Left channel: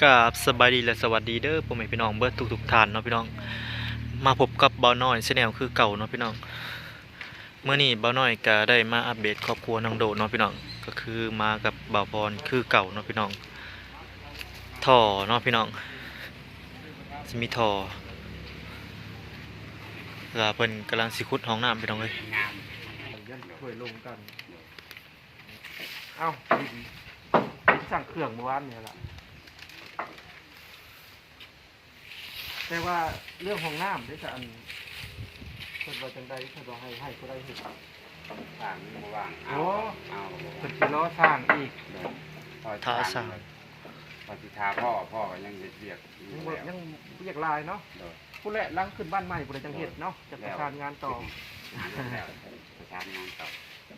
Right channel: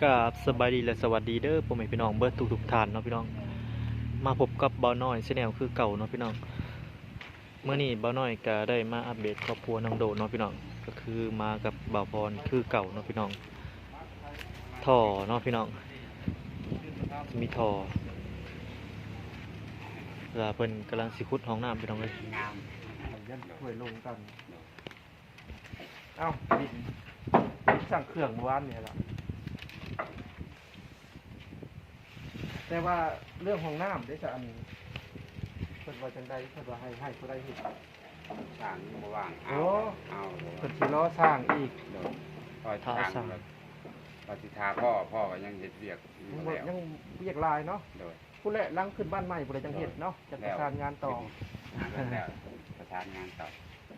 กับสบายดีและสวัสดีเด้อพ่อแม่พี่น้องเบิดทุกท่านเนาะพี่น้องมาพบกับเบาน้อยแนลคือเก่าเนาะพี่น้องเมื่อนี้เบาน้อยก็ได้มาอัปเดตครอบครัวน้องโดเนาะพี่น้องก็คือมากับบ่าวพรคือเก่าเนาะพี่น้องท่อเนาะพี่น้องจะมีท่อแล้วเพิ่นกำลังสิขุดห้องน้ำพี่น้องเอ้ยงามยันถ้วยลงกันเอ้าดินสั่งเครื่องเมื่อวานเนี่ยล่ะแต่ว่าเรื่องห้องน้ำได้จะอันคนว่าจังใดคนว่าให้ก็ได้เห็นสร้างบ่ว่างเอาบ่คนที่ล้อสร้างอีกพอสร้างปฏิทาพ่อก็ยังเฮ็ดเวียกยังเรียกลายเนาะผู้แหละลังขึ้นบ้านใหม่ผู้ใดจังเฮ็ดเนาะจะประสานงานต่อแล้วประสานงานต่อ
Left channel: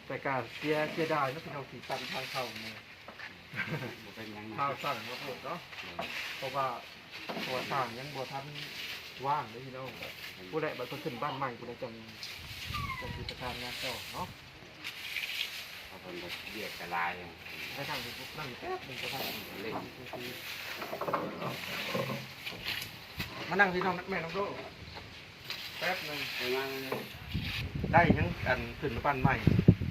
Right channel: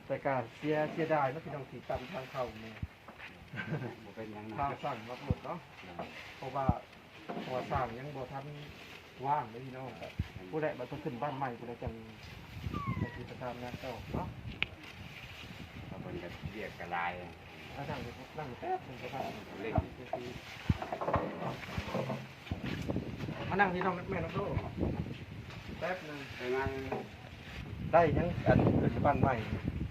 แต่การเสียดายนะพี่น้องที่ตันทางเข้ามือบ่เป็นหยังนะข้าวสั่งมาหมดเนาะเพราะว่าพอสร้างยังบ่ทันว่างเลยพี่น้องผู้ใดบัดขึ้นบ้านใหม่ผู้ใดจังประสานงานต่อเนาะเพิ่นก็เวียกกระลายให้ทางนี้นั่งแป๊บนึงก็ได้เล่นมานั่งที่น้องนักแม่นักโลกแป๊บนึงได้ยังอันขึ้นบ้านใหม่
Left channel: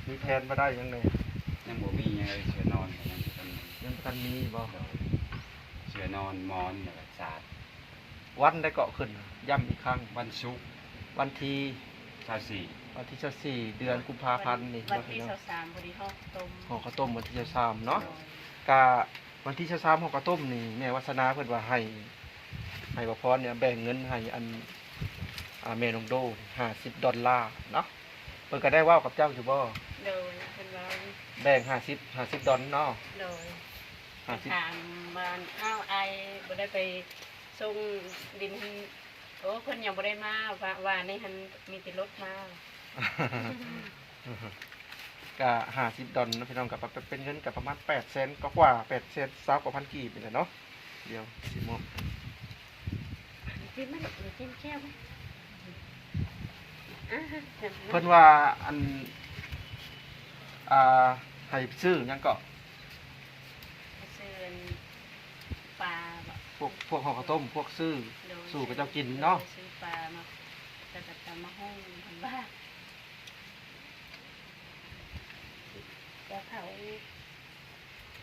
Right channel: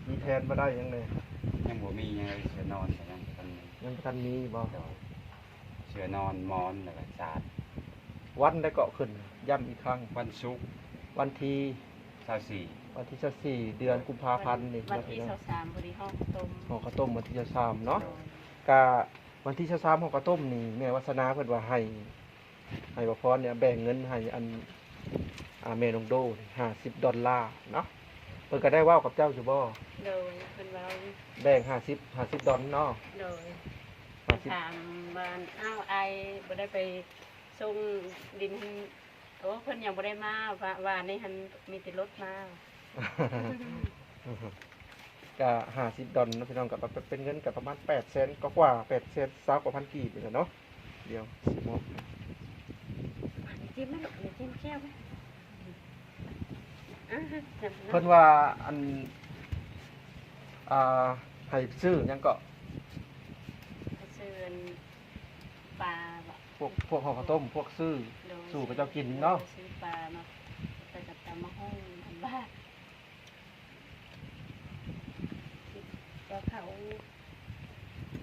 มีแทนมาได้ยังเลยยังบ่มียังเสือนอนยังทันมีบ่เสือนอนมอนแล้วก็สาดวันได้เกาะขึ้นย้ำอีกครั้งวันศุกร์วันที่24วันที่24เดือนกุมภาพันธ์นี่วันที่23พอดีห่อข้าวต้มห่อข้าวต้มวันที่23เนาะกะวันที่23ห่อข้าวต้มนี่แม่วัฒนาเพิ่นว่าให้บ่พรเนี่ยแบ่งเงินให้อันแม่น้องโด$50เนาะเพิ่นก็ได้เว้ากับเจ้าอยู่บ่โดยเพิ่นว่าแบ่ง50เนาะโดยถามบ้านไอบ่ได้ไปส่งดินโอ้เพิ่นยังบ่ได้มาว่านี่หันมีแต่รถมาก็$50นะพี่น้องก็เป็นเงินก็ประมาณ800,000กว่า820,000 กว่าพันกีบนี่แหละเนาะเดี๋ยวสิหมดจิ้มมั้ยจิ้มแก้วมั้ยเพิ่นว่าอันให้ซื้อหยังก็ซื้อปลาบ่พวกห่อข้าวต้มพวกซื้อสู่กับเจ้ากินเนาะซื้อปลามาแต่ก็ตำมาห้องบ้านก็เขา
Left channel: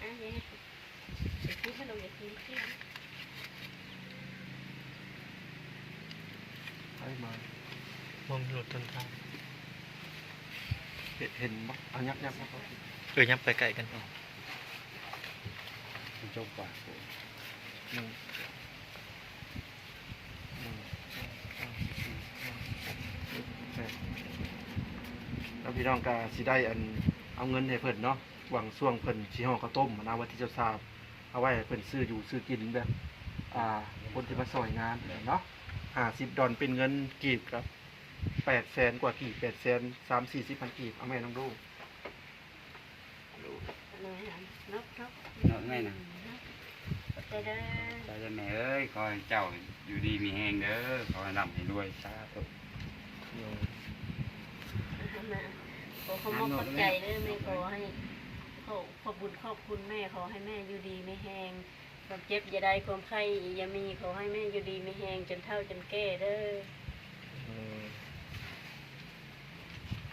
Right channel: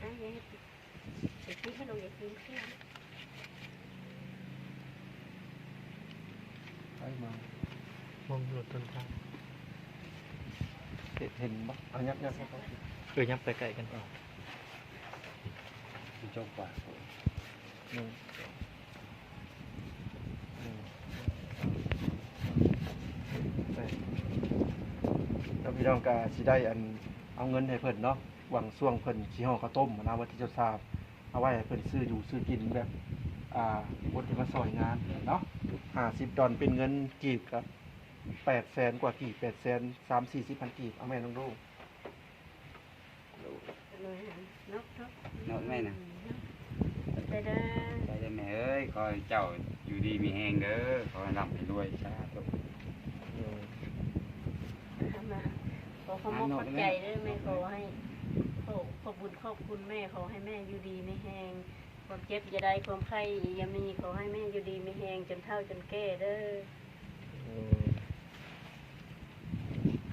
ยังให้พูดให้เราอย่ากินเที่ยงไปมาม องหลุดต้นทางเห็นบ่เอายับยับไปไกลกันจบกว่านึงแล้วพี่น้องก็สิได้เอาเงินให้เพิ่นเนาะหวังช่วงเพิ่นสิห่อข้าวต้มนะวันที่จะทราบเอาไว้ให้เพิ่นซื้ออยู่ซื้อกินแบบคนที่มาซอยงานเนาะ$50เป็นเงินกีบครับ800,000 กว่ากีบ830,000 กีบเอาแม่น้องลูกนกไงนะได้แม่เอ้ยขอให้เจ้าอยู่ดีมีแฮงเด้อขอให้ร่ำให้รวยสาธุขอเขามอบขอบใจเด้อแม่ขอให้ขอบุญขอบคุณแม่ขอให้แม่อยู่ดีไม่แห้งความเจ็บอย่าได้ความไข้อย่ามีขอให้แม่อยู่ดีไม่แห้งจนเฒ่าจนแก่เด้อ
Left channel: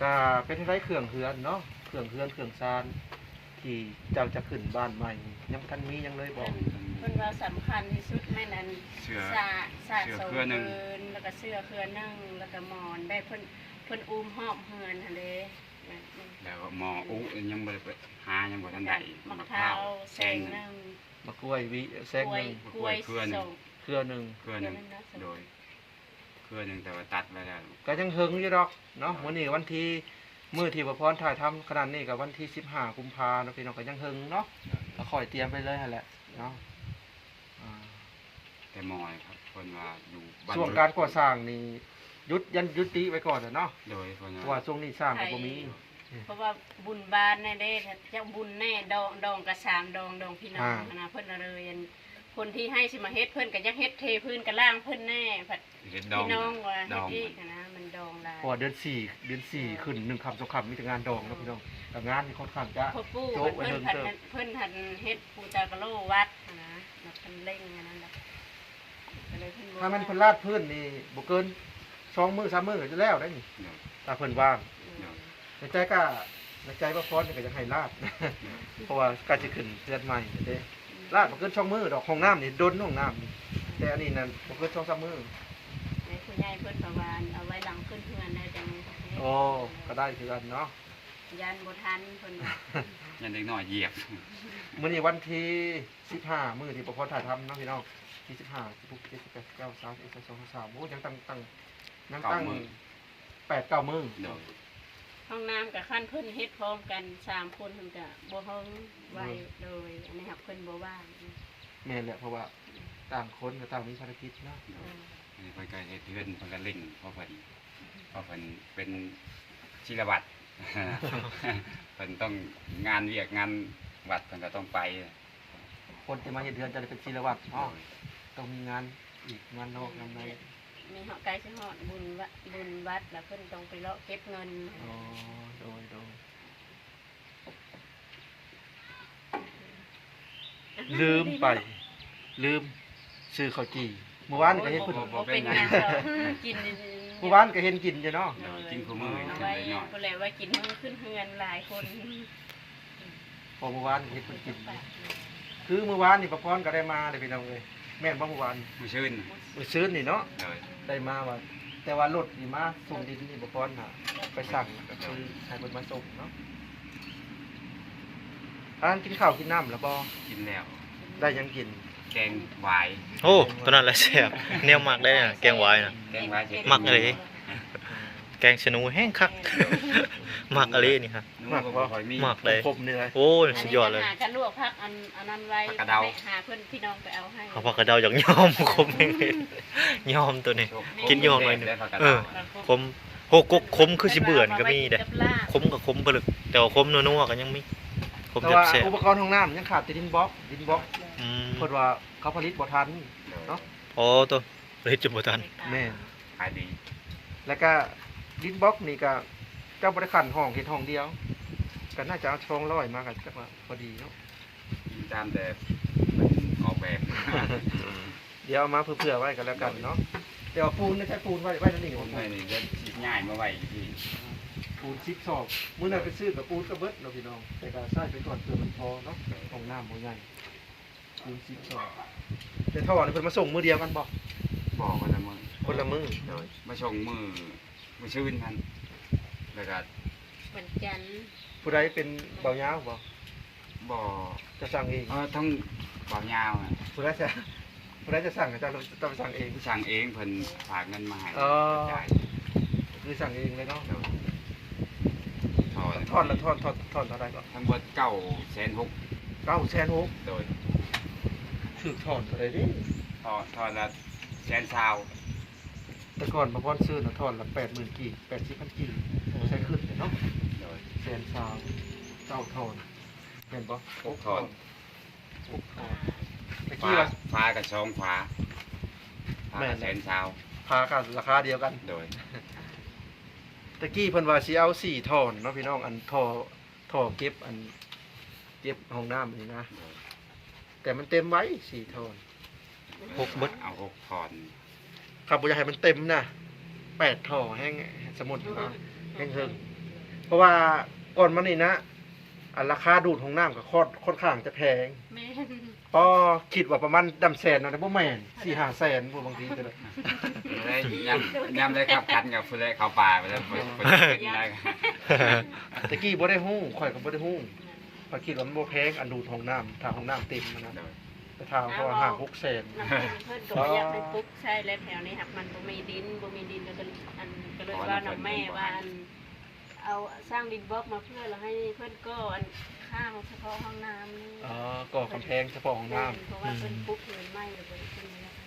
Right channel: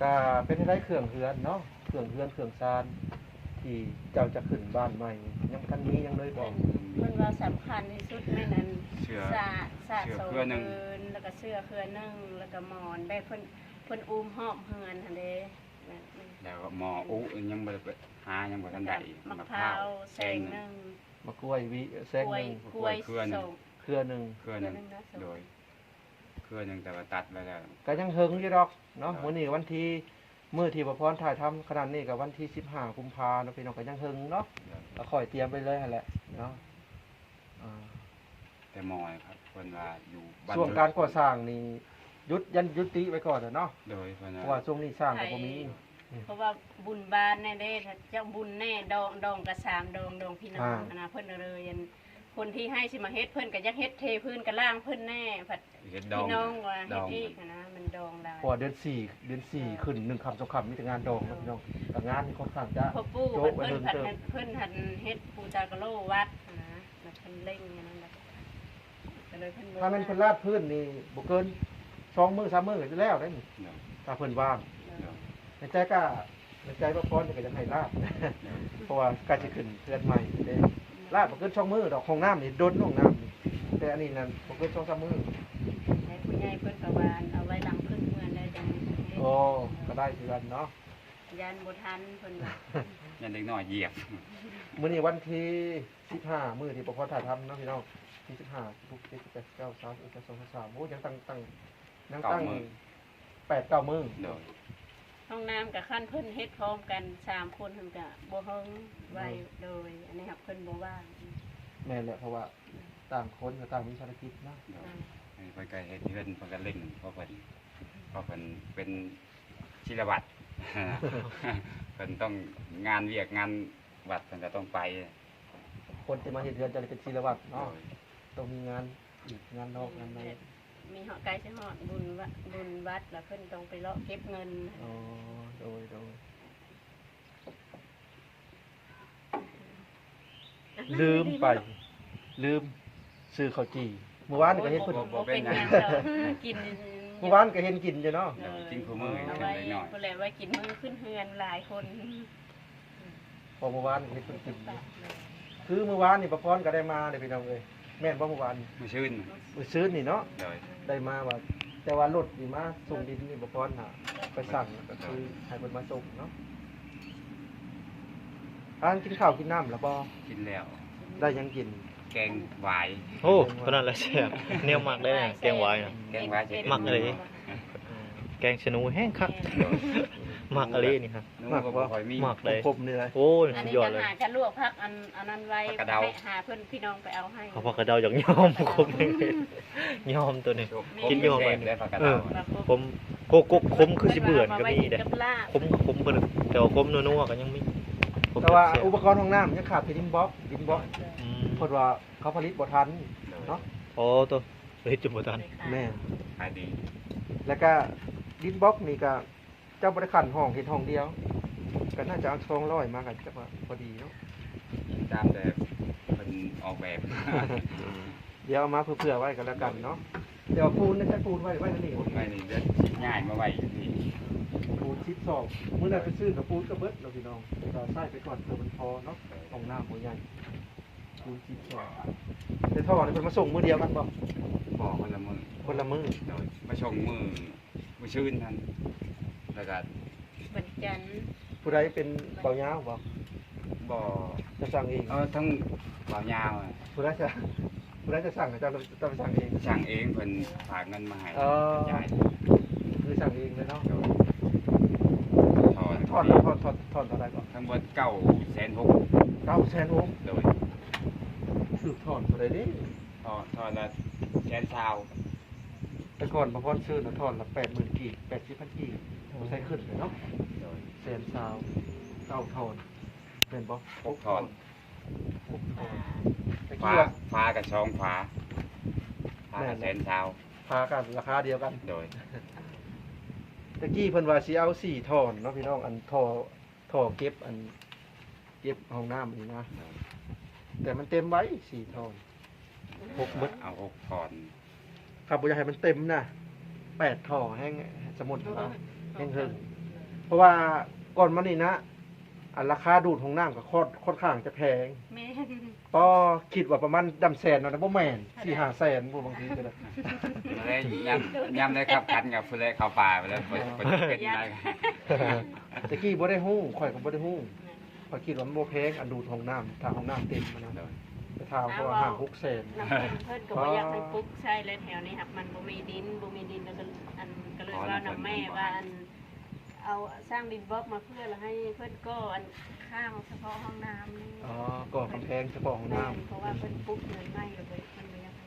ก็เป็นได้เครื่องเฮือนเนาะเครื่องเฮือนเครื่องซานที่เจ้าจะขึ้นบ้านใหม่ยังท่านมียังเลยบอกเพิ่นว่าสำคัญที่สุดแม่นั้นสาโซเพิ่นแล้วก็เสื้อเครือนึ่งแล้วก็หมอนได้เพิ่นอุ้มหอบเฮือนหั่นเด้แล้วก็หมออุยังบ่ได้หายังบ่ทันได้มะพร้าวแซงนึงมะกล้วยวิแซงนึงกล้วยเครือนึงโดยเครือนึงแต่ว่าตัดไว้แล้วก็ยังเฮิงอยู่ดอกเนาะมื้อนี้วันที่มื้อที่บ่พรถ่ายทำขนาดนี้ก็วันที่15กุมภาพันธ์เนาะพี่น้องก็ยังเฮิงเนาะแล้วค่อยเตรียมไปเลยหั่นแหละเนาะแต่หมอยครับเพิ่นว่าอยู่ช่วงการก่อสร้างนี่ยุติไว้ก่อนเนาะโดยเพิ่นว่าช่วงนี้สร้างก็บ่มีเพราะว่าบุญบานแน่เด้เจ้าบุญแน่ดองกระ3ดองพี่น้องนะเพิ่นเลยคนที่ให้สิมาเฮ็ดเพิ่นก็อยากเฮ็ดเทพื้นกระล่างเพิ่นแน่ผัดพี่น้องว่าเฮ็ดอีกนะมันดองหลายพอเดือน4ขึ้น1 ค่ำ2 ค่ำมีแต่งานดองครับพี่น้องแต่งานค่อนข้างจะพ่อปู่เพิ่นหันเฮ็ดปูตากะโลวัดนะแพ พิ่นเร่งอันนั้นแหละก็เลยเพิ่นบ่ ถ้ามันเพิ่นลาดพื้นนี่บ่เกิน2 มื้อ 3 มื้อก็จะแล้วได้นี่ เดี๋ยว ถ้าเพิ่นว่าง เดี๋ยว ในใจก็ในใจว่าพรก็อยากให้ลาด เพราะว่าก็สิขึ้นเรือนใหม่เด้ลาดบ่เกิน2 มื้อดอกห้องน้ำนี่ดนห้องน้ำนี่แต่อันนี้นั่นบ่เกิน2-3 มื้อ ให้ผู้ใหญ่เพิ่นประวานเอาไว้หลังขึ้นเพื่อนได้จัง โอ้ก็ได้คือกันเนาะ ยันบ่ทันเพิ่นว่า ยันเด็กน้อยเหยียบ มื้อนี้วันที่15มื้อที่ประพรถ่ายทำเนาะพี่น้องที่15 16 17 18 19 20 21 22 23โอ้ยังตั้งยังตั้ง8-9 มื้อ เดี๋ยว ห้องน้ำกับขั้นเพิ่นเฮ็ดพร้อมกัน3คนเพิ่นก็บ่เฮิงไว้โดยอันนี้ครับเพิ่นบ่ว่าง แม่นแหละเพราะว่าต่างคนก็ต่างมีภารกิจเนาะ เดี๋ยวอันนี้เพิ่นก็เฮ็ดเพิ่นก็เล่นเพราะเพิ่นเป็นศิลวัตร เพิ่นต้องงานเวียกงานวัดเพิ่นก็ต้องไป คนจะมาเฮ็ดเรือนจะได้เป็นศิลวัตรเนาะต้องมีงานอีกงานนอกงานใน มีเหาะไกลสิฮอดบุญวัดแล้วเพิ่นต้องไปเลาะเก็บเงิน อ๋อโดยลืมไป ลืมซื้อข้าวจี่เมื่อวานก็เห็นเพิ่น บ่เป็นหยังดอกกิน เมื่อวานก็เห็นกินอยู่เนาะ กินคู่มื้อ เอา เด็ก ไว้ น้อย เพิ่นแหละไว้กินมื้อขึ้นเฮือนหลายคน พอเมื่อวานเห็นเพิ่นกินอยู่คือเมื่อวานนี่ประพรก็ได้มาเด้อพี่น้องเอ้ยแม่นบ่เมื่อวาน มื้อชื่น มื้อซื้อนี่เนาะ เดี๋ยว ได้มาว่า แต่ว่ารถนี่มาส่งดินนี่ประพรน่ะไปสั่งก็คือให้เพิ่นมาส่งเนาะอ่านกินข้าวกินน้ำแล้วบ่ กินแล้ว ได้หยังกิน แกงหวาย โอ้ตัวนั้นแหละแซ่บแนวมักได้น่ะแกงหวายน่ะ แกงหวาย มักเลย แกงชะนูแห้งคัก มักอะไรนี่ฮะ นึกว่าบ่ค่อยมี มักเลย ครบนี่เลย โอ้ยสุดยอดเลย หากันลวกผักอันนั้นไว้ ผักกระเดา ให้หาเพิ่นพี่น้องไปเอาให้ เอาผักกระเดาอย่างยอมคมเห็นยอมตัวนี้ กินยอมหน่อยหนึ่ง เออ คมโกกกคมคือสิเบื่อนก็มีเด้คมก็คมไปเลยแต่ว่าคมนัวๆก็ยังมีคม แต่ว่า แซ่บ อุปกรณ์ห้องน้ำยังขาดแต่ดินบล็อก ๆอืม เพิ่นว่าเขาผลิตบ่ทันเนาะ อ๋อตัวเลยจุดบ่ทัน แม่น ขายดี แล้วก็ดินบล็อกนี่ก็เจ้าบริขันห้องเฮ็ดห้องเดียวก็น่าจะเอาช่องร้อยมากันจักว่าพอดีเนาะ กินตามแต่เป็นออกแบบ เดี๋ยวเอามาเผื่อๆไว้กันแล้วกันเนาะเดี๋ยวปูนนะใช้ปูนไว้แล้วนี่ ผมไปนี่จะง่ายมาไว้ที่ ปูน12มื้อนั้นไปซื้อกับปูนก็เบิดเนาะพี่น้องแต่ก็ใช้ไปก่อนเพื่อมันพอเนาะห้องน้ำบ่ใหญ่ปูน12แต่ท่อนี่เพิ่นมาส่งมื้อเดียวกันบ่ บอกมันละมือ คนละมื้อ เดี๋ยวมาชงมือชื่นทันแล้วก็ วันจันทร์ ผู้ใดเป็นเบายาวบ่ บ่อ จะสั่งเอง ทั้งเบายาวอะ ผู้ใดจะสั่งก็ต้องสั่งเอง สั่งเองเพิ่นฝากเงินมาให้ อ๋อ จ่าย คือสั่งเองเลยเนาะ ถอน ทอดเท่าไหร่ก่อน ทั้งหมด960,000 900,000 โดย ถือถอนเท่าไหร่ดิ ถอนละ120,000 แต่ก่อนบางวันซื้อน่ะถอนละ80,000กีบ80,000กีบใช้ขึ้นเนาะ โดย แสนสามเก้าถอนเห็นบ่ 6ถอน 6ถอนตะ ฟ้า กี้ว่า ฟ้ากับช่องฟ้าฟ้ากับ120,000 พากันราคาเดียวกัน โดย ตะกี้เพิ่นว่าสิเอา4ถอนเนาะพี่น้องอันท่อเก็บเก็บห้องน้ำนี่นะ แต่มันเต็มไว้4ถอน 6เบิด เอา6ถอน ครับบ่อยากให้มันเต็มนะ8ท่อแห้งสมุดครับแห้งเฮิงเพราะว่าก่อนมานี่นะอันราคาดูดของน้ำก็ค่อนข้างจะแพง แม่น พอคิดว่าประมาณดำแสนนะบ่แม่น4-5 แสนบ่บางทีก็เลย ได้ยำได้ครับคันกับผู้ใดเข้าป่าไปแล้วเพิ่นเป็นได้ ตะกี้บ่ได้ฮู้ข่อยก็บ่ได้ฮู้ข้อยคิดว่ามันบ่แพงอันดูดของน้ำถ้าของน้ำเต็มนะ โดย แต่ถ้าเพราะว่า5 6 แสน น้ำกินเพิ่นก็บ่อยากไปปลุ๊กใช่แล้วแถวนี้ครับมันบ่มีดินแล้วก็อันก็เลยว่าน้ำแม่ว่าอันเอาสร้างดินบล็อกมาเพื่อแล้วให้เพิ่นก็อันข้างเฉพาะห้องน้ำนี่ อ๋อก็กำแพงเฉพาะของน้ำ เพราะว่าเพิ่นปลุ๊กเงินไม่อยู่บนที่นี้นะค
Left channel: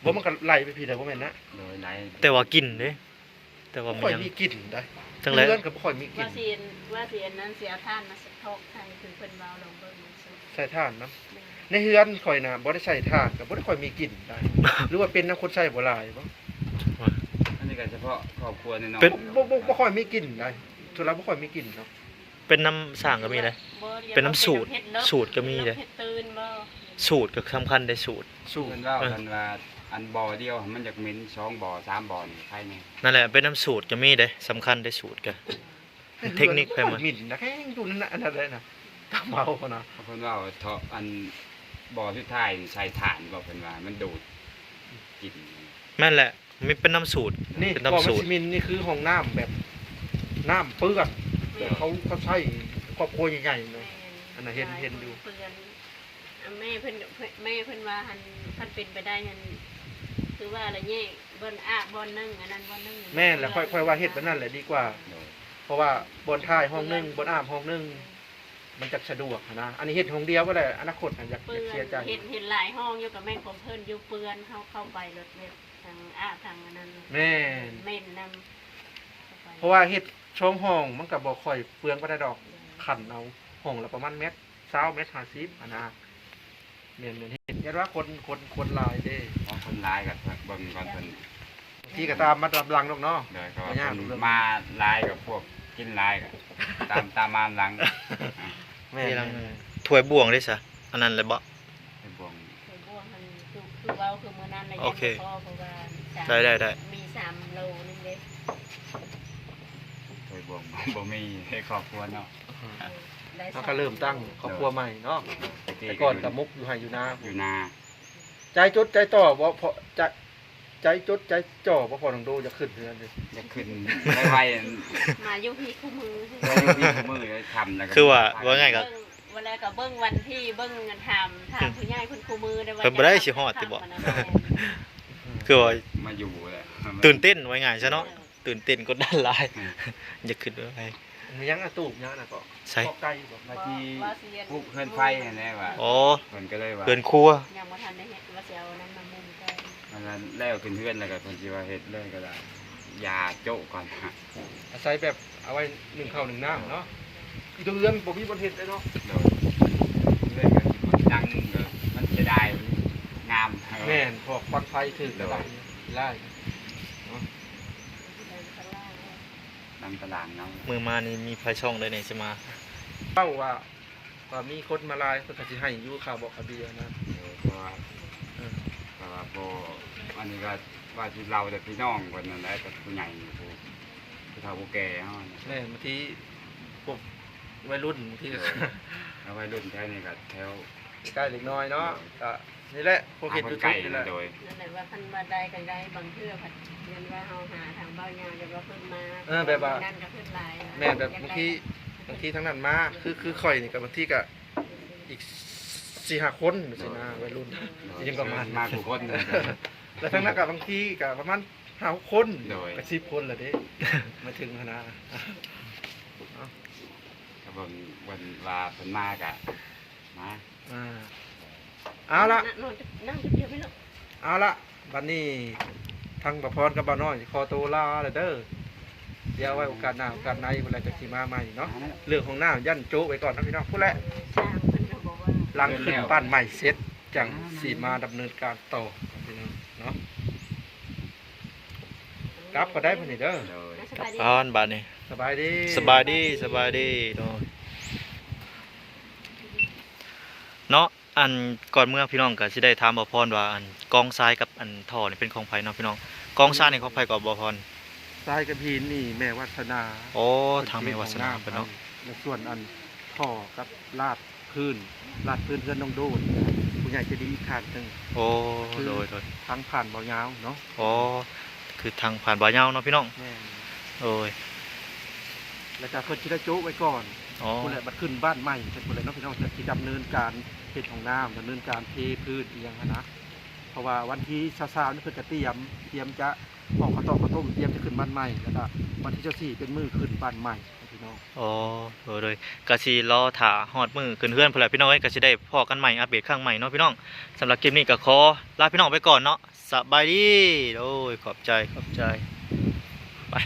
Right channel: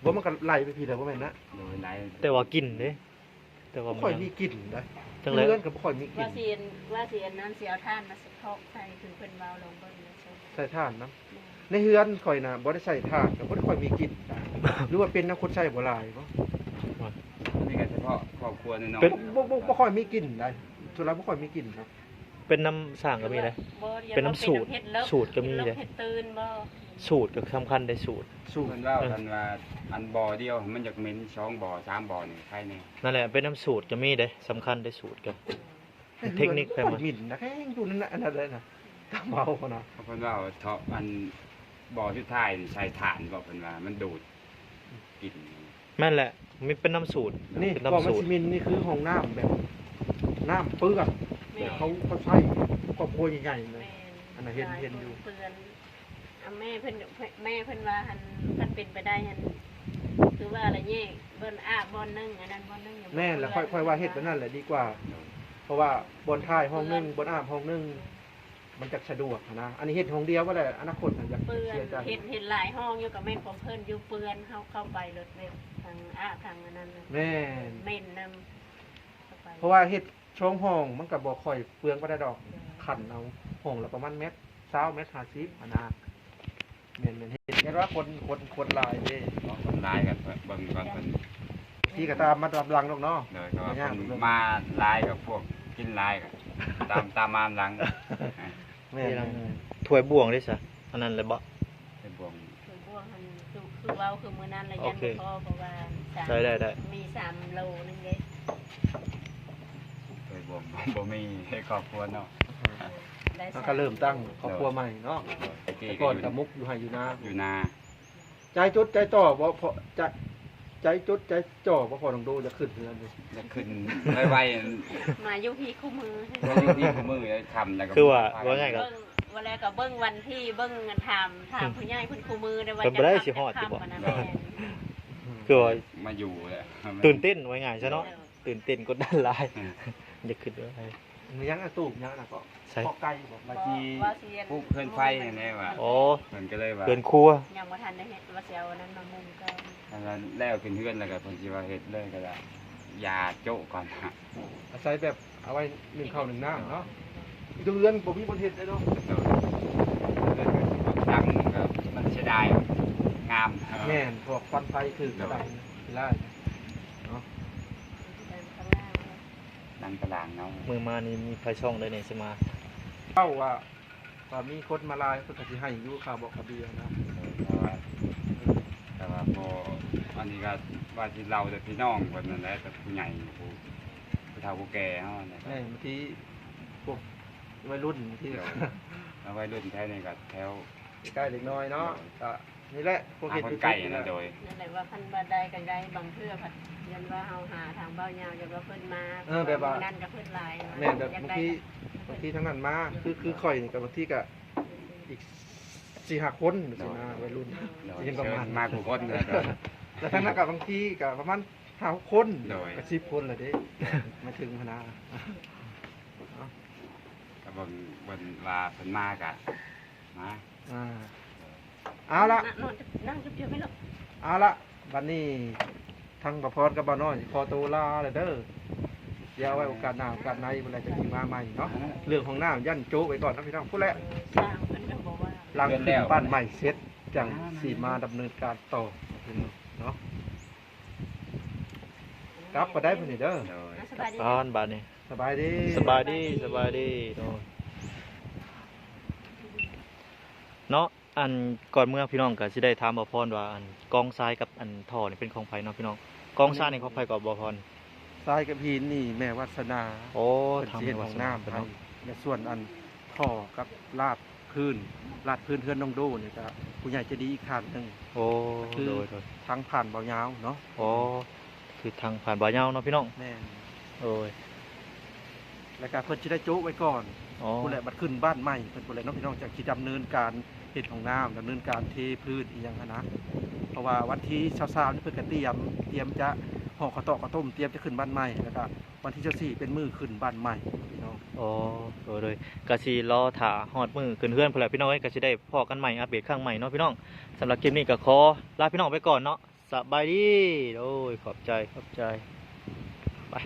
ะ บ่มันก็ไหลไปพี่แล้วบ่แม่นนะ โดยไหล แต่ว่ากินเด้แต่ว่า บ่ มัน ค่อย ยัง มีกลิ่นได้ จังไร เรือนก็บ่ค่อยมีกลิ่ ว่าน เสียนนั้นเสียท่านมาสะทกใส่คือเพิ่นเว้าลงเบิ่งเลยซุ ใส่ถ่านนะในเฮือนข่อยน่ะบ่ได้ใส่ถ่านก็บ่ได้ค่อยมีกลิ่นได้หรือว่าเป็นน้ำคนใส่บ่หลายบ่ อันนี้ก็เฉพาะครอบครัวน้อยๆ เป็น บ่ค่อยมีกลิ่นได้ทุเราบ่ค่อยมีกลิ่นเนาะ เป็นน้ำสร้างก็มีเลย บ่ดี๋ยว เป็นน้ำสูตร เฮ็ดเลิก สูตรก็มีเลย เฮ็ดตื่นบ่ สูตรก็สำคัญได้สูตร สู้ เพิ่นเล่ากันว่าอันบ่อเดียวมันอยากเหม็น2บ่อ3บ่อนี่ใครแน่ นั่นแหละเป็นน้ำสูตรก็มีเด้สำคัญได้สูตรก็ เทคนิคไปหมด หมิ่นนะแค่อยู่นั่นน่ะอันนั้นเลยนะตามเมาพอนะ เพราะเพิ่นว่าเถาะอันบ่อสุดท้ายนี่ใช้ถ่านบ่เพิ่นว่ามันดูดกลิ่น แม่นแหละมันเป็นน้ำสูตร นี่ เป็น กอ น้ำ มั สูต ส ร มินนี่คือห้องน้ำแบบน้ำเปื้อนแบบเขาใช้ครอบครัวใหญ่ๆเลย อันนั้นเห็นอยู่ เปื้อนแม่เพิ่นว่าหันคันเป็นไปได้หันคือว่าอะไรแยกบ่อนอาบบ่อนนึงอันนั้นบ่อนนึง แม่นแหละค่อยว่าเฮ็ดแบบนั้นแหละดีกว่า เพราะว่าบนท้ายห้องหนึงบนอาบห้องหนึงมันจะสะดวกนะอันนี้เฮ็ดห้องเดียวก็ได้อนาคตน่ะอยาก เปื้อน เสียใจ เห็นหลายห้องอยู่กับแม่ของเพิ่นอยู่เปื้อนเข้าไปรถเว็บทางอาบทางอันนั้น แม่น เม่นนำ เพราะว่าเฮ็ดช่องห้องมันก็บ่ค่อยเปลืองบ่ได้ดอกขันเอาห้องละประมาณเมตร20เมตร50อันน่ะแม่นๆเฮ็ดยันว่าคนหลายเด้ ว่าคนร้ายกับเบิ่งก่อนเพิ่น ที่ก็ตามมาตามหลังดอกเนาะ เด้อครับว่า บ่ยาก เพิ่น เรื่อง มาร้ายกับพวกกินร้ายกับตามมาหลัง แม่ ที่ลัง น ถ้วยบ่วงได้ซะอันนั้นแหละบ่ เป็นบ่วง คือพวกมันคือเว้าคือมื้อนั้นน่ะ โอ ยัง เค บ่พอเพราะว่าสาม ได้ มี3โลนึงเด้ เป็นบ่วงบ่มีให้ครอบครัวเนาะ ได้ มันก็เริ่มตั้งครอบครัวใหม่เนาะแต่ก่อนกับมุกอยู่ไห้อยู่นา อยู่นา ใจจดใจต่อบ่พอใจจดใจจ่อบ่พอต้องดูจะขึ้นเรือนเลย อยากขึ้นไวๆ มาอยู่พี่คู่มือ มีมือเลยทำแล้วก็ คือว่าไงก็ เบิ่งเวลาก็เบิ่งวันที่เบิ่งเงินถามผู้ใหญ่คุณคู่มือได้ว่า เพิ่นบ่ได้สิฮอดติบ่ ทำอันนั้น คือว่า มาอยู่เลย ตื่นเต้นไว้ง่ายซะเนาะตื่นเต้นกดดันหลายอย่าขึ้นไว้ ยังอะตูบยังน่ะก็ ใช่ ขอบไก่บ่ มาที่พวกเพื่อนไฟแน่ว่า อ๋อ เพิ่นก็เลยว่า เกินครัว ยังบ่ทันได้เฮ็ดว่าสิเอาอันนั้นมามุงกัน อันนั้นแล้วขึ้นเพื่อนแล้วก็เพิ่นสิว่าเฮ็ดเลยก็ได้ยาโจ๊ะก่อนฮะ อาศัยแบบเอาไว้นึ่งข้าวนึ่งน้ำเนาะอีกเรื่องบ่มีบ่เฮ็ดเลยเนาะ เลยก็ดังก็มันเสียดายงาม แม่นพวกควันไฟคือกระดังไล่เนาะ ดังตารางเนาะ มือมานี่มีไฟช่องได้นี่สิมา เป้าว่าถ้ามีคนมาลายเพิ่นก็สิให้อยู่ข้าวบอกกระเบียนะ เพราะว่าแต่ว่าพออันนี้ก็ว่าที่เราแต่พี่น้องคนนั้นแหละกับผู้ใหญ่ผู้เฒ่าผู้แก่เฮาเนี่ย แม่นบางทีพวกวัยรุ่นบางทีก็ แล้ววัยรุ่นแถวนี้ก็แถว ใกล้เล็กน้อยเนาะก็นี่แหละพวก หา เฮ็ด คน ยู ไก่ ทูบนี่แห นะ ละ โดย นั่นแหละว่าคันบ่ได้ก็ได้บางเทื่อผัดเรียนว่าเฮาหาทางเบ้ายาวอย่าว่าเพิ่นมานั่นก็เพิ่นหลาย แม่นแบบบางทีทั้งนั้นมาคือข่อยนี่ก็บางทีก็อีก4-5 คนสินะวัยรุ่น ยังประมาณ มากกว่าคนเลย แล้วทั้งนั้นก็บางทีก็ประมาณ5-6 คน โดย ก็10 คนแหละเด้มาถึงคณะ แต่ผมวันว่าเพิ่นมากอะมา อ่าเอาละ นั่งจุดเดียวไม่หรอก เอาละวันนี้ทั้งประพรกับบ่าวน้อยขอตัวลาแล้วเด้อเดี๋ยวไว้โอกาสหน้าโอกาสในเวลาจะสิมาใหม่เนาะเรื่องของหน้ายันโจ๊ไว้ก่อนนะพี่น้องพูดแหละ ช่างเพิ่นก็บอกว่า หลังขึ้นบ้านใหม่เสร็จจังสีมาดำเนินการต่อพี่น้องเนาะกลับก็ได้พุ่นนี่เด้อ โดย สบายดี ตอนบัดนี้ สบายดี สบายดีเนาะเนาะอันก่อนเมื่อพี่น้องก็สิได้ถามบ่พรว่าอันกองทรายกับอันท่อนี่เป็นของไผเนาะพี่น้องกองทรายนี่ของไผก็บ่พร ทรายกับหินนี่แม่วัฒนา โอ้ทางแม่วาสนาเพิ่นเนาะ และส่วนอันท่อกับลาดพื้นเพื่อนน้องโดนนะครับผู้ใหญ่ใจะดีอีกท่านหนึง โอ้โดย ทางผ่านเบายาวเนาะ โอ้คือทางผ่านบ่าวยาวเนาะพี่น้อง แม่น โอ้ย แล้วก็เพิ่นสิได้โจ๊ไว้ก่อน อ๋อ ผู้ใดบัดขึ้นบ้านใหม่เพิ่นผู้ใดเน้องพี่น้องจะสิดำเนินการเฮ็ดของน้ำดำเนินการเทพื้นอีหยังหั้นนะเพราะว่าวันที่23นี่เพิ่นก็เตรียมจะห่อข้าวตอกข้าวต้มเตรียมจะขึ้นบ้านใหม่แล้วก็วันที่24เป็นมื้อขึ้นบ้านใหม่พี่น้อง อ๋อโดยก็สิรอถ่าฮอดมือขึ้นเฮือนพุ่นแหละพี่น้องเอ้ยก็สิได้พอกันใหม่อัปเดตครั้งใหม่เนาะพี่น้องสำหรับคลิปนี้ก็ขอลาพี่น้องไปก่อนเนาะสบายดีโอ้ยขอบใจไป